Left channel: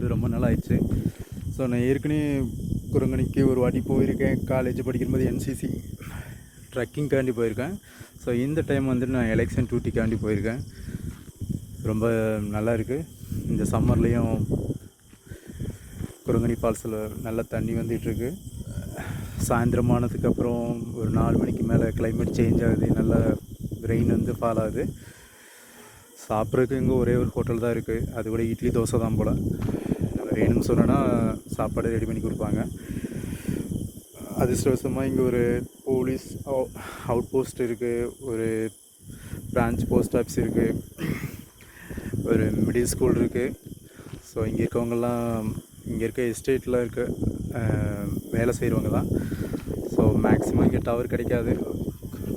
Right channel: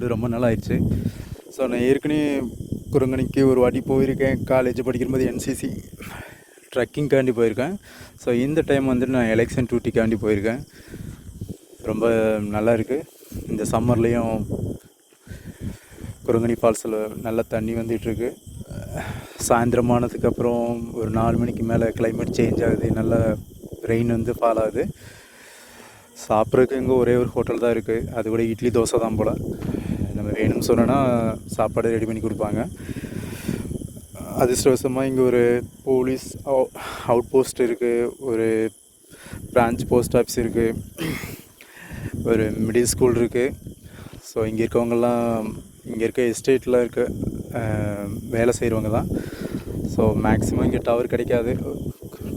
போட்டு ரொம்ப நாள் ஆயிடுச்சு ஸோ நான் ஏற்கனவே குரங்கணிக்கு ஒரு வாட்டி போயிருக்கேன். காலேஜ் படிக்கும்போது என்சிசி ட்ரக்கிங்காண்டி போயிருக்கேன். ஸோ இந்த டைம் வந்து நான் எலெக்ஷன் டியூட்டிக்காண்டி போயிருக்கேன். ரொம்ப நல்லா இருக்குது இந்த சம்மர்லேயும் குரங்கணி ஃபால்ஸில் நல்ல தண்ணி வந்துட்டுருக்கு சாயந்தரமானதுக்கப்புறம் ஒரு நாலு மணிக்கு மேலே கிளைமேட் சேஞ்ச் ஆகுது. நல்ல ரெயின் வந்து ஃபால் ஆகுது. சாப்பிட்றதுக்கு இங்கே ஒரே ஒரு ஹோட்டல் தான் இருக்குது அது கூட இட்லி தோசை தான் போல். வேணும்னு சொன்னோன்னா சாப்பாடு ரெடி பண்ணி கொடுப்பாங்க. அதிர்ஷ்டவசமாக இங்கே ஒரு போலீஸ் அவுட் போஸ்ட் இருக்குது ஒரு பிரான்ச் போஸ்ட் ஆஃபீஸ் இருக்குது ஒரு மிடில் ஸ்கூல் இருக்குது ஸோ இங்கே இருக்கவங்கெல்லாம் இங்கே இருக்க எஸ்டேட்டில் இருக்க வேலை செய்கிறவங்க தான் ஸோ மேக்ஸிமம் இங்கே டவர் கிடைக்காது.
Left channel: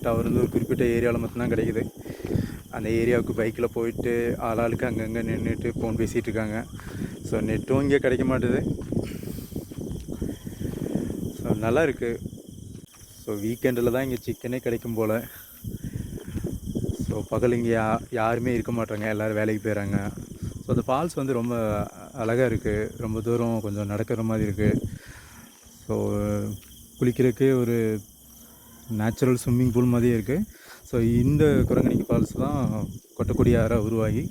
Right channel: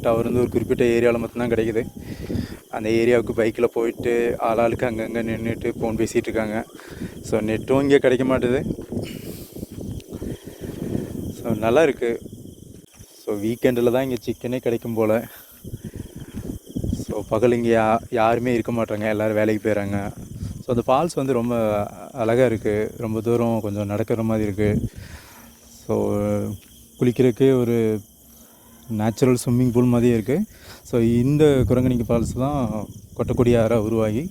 டவர் வந்து ஒரு குறிப்பிட்ட ஏரியாவில் மட்டும்தான் கிடைக்குது. அந்த ஏரியாவுக்கு பைக்கில் போயிட்டு ஆளாளுக்கு அங்கங்கே நின்றுட்டு ஃபோன் பேசிகிட்டு இருக்காங்க. ஸோ நெட்டும் இங்கே கிடைக்க மாட்டுது. ஸோ நல்லா இருக்குது ஸோ வீக்கெண்டில் தான் இங்கே சிக்கனே கிடைக்கும் போல். ஸோ பகல் இங்கே யா யாருமே இருக்க மாட்டாங்க எல்லோரும் வேலைக்கு போயிடுறாங்க ஸோ அந்த ஃபால்ஸ் வந்து ரொம்ப அழகாக இருக்குது ரொம்ப தூரம் கொஞ்சம் நடக்கிற மாதிரி இருக்குது ஸோ குளிக்கிறதுக்கே ஒரு நேச்சுரல் ஸ்விம்மிங் பூல் மாதிரியே இருக்குது ஸோ இந்த குரங்கணிக்கு ஃபால்ஸ் தான் கொட்டக்குடியாராக உருவாகி.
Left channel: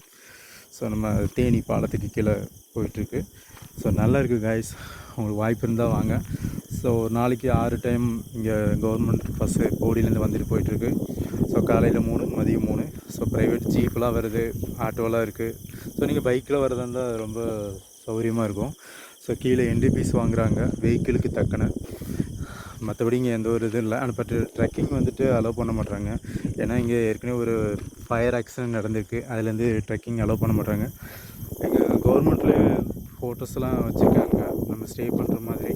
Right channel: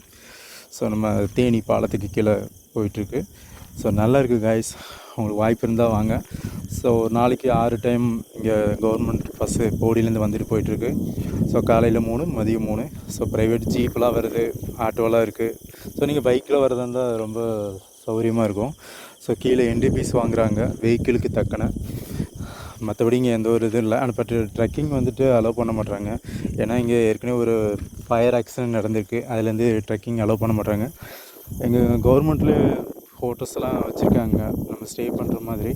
ஸோ நம்ம தேனி பாலத்துக்கு கீழே போயிட்டுருக்கு. ஸோ நல்லா இருக்குது காய்ஸ் உங்களுக்கு வாய்ப்பு இருந்தால் வாங்க. ஸோ ஒரு நாளைக்கு ஆறு டைம் இங்கே கவர்மெண்ட் பஸ்ஸு போடியிலேருந்து வந்துட்டு போயிட்டுருக்கு. ஸோ காலையில் மூணு மதியம் மூணு. ஸோ ப்ரைவேட் ஜீப்லாம் வருது. ஆட்டோலாம் இருக்குது ஸோ நீங்கள் பைக்கில் வரதா இருந்தால் ரொம்ப சௌகரியமாக இருக்கும். ஸோ கீழே என்டிபிஸ் வாங்குகிறாங்க வெஹிக்கிளுக்கு தக்கன. மற்றபடி இங்கே எந்த ஒரு இதுவும் இல்லை. ஆனால் பட் ட்ரெக்கிங் வந்துட்டு அலோவ் பண்ண மாட்றாங்க. ஏன்னா இங்கே ஏற்கனவே ஒரு ஃபயர் ஆக்சிடென்ட் நடந்திருக்கு. அதுலேருந்து ட்ரெக்கிங் அலோவ் பண்ண மாட்றாங்க. எங்கள் கவர்மெண்ட்டில் ஹோட்டல்ஸ்லாம் வச்சுருக்காங்க. நம்ம ஸ்டே பண்ணுற மாதிரி.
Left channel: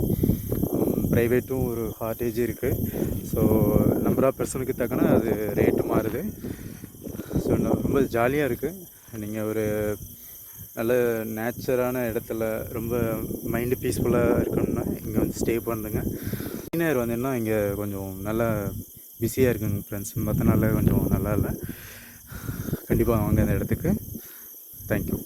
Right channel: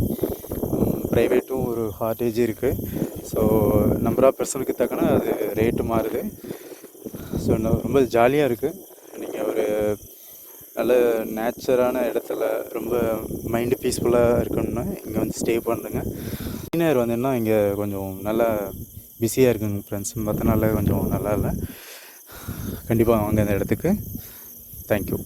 ப்ரைவேட்டும் ஒரு ஹார்டேஜ் இருக்குது ஸோ நம்பர் ஆஃப் பர்சனுக்கு தக்கன அது ரேட்டு மாறுது. ஸோ ரொம்ப ஜாலியாக இருக்குது நீங்கள் ஒரு நல்ல நேச்சரான இடத்துல ரொம்ப மைண்டு பீஸ்ஃபுல்லாக இருக்கணும்னா இங்கே வந்து ஸ்டே பண்ணுங்க. சீனியர் வந்தீங்கன்னா இங்கே கொஞ்சம் நல்லா பிஸியாக இருக்குங்க ஃப்ரெண்ட்ஸ் மற்ற நாளில் கொஞ்சம் நல்லா இல்லை. கண்டிப்பாக வாங்க இந்த இடத்துக்கு. தேங்க்யூ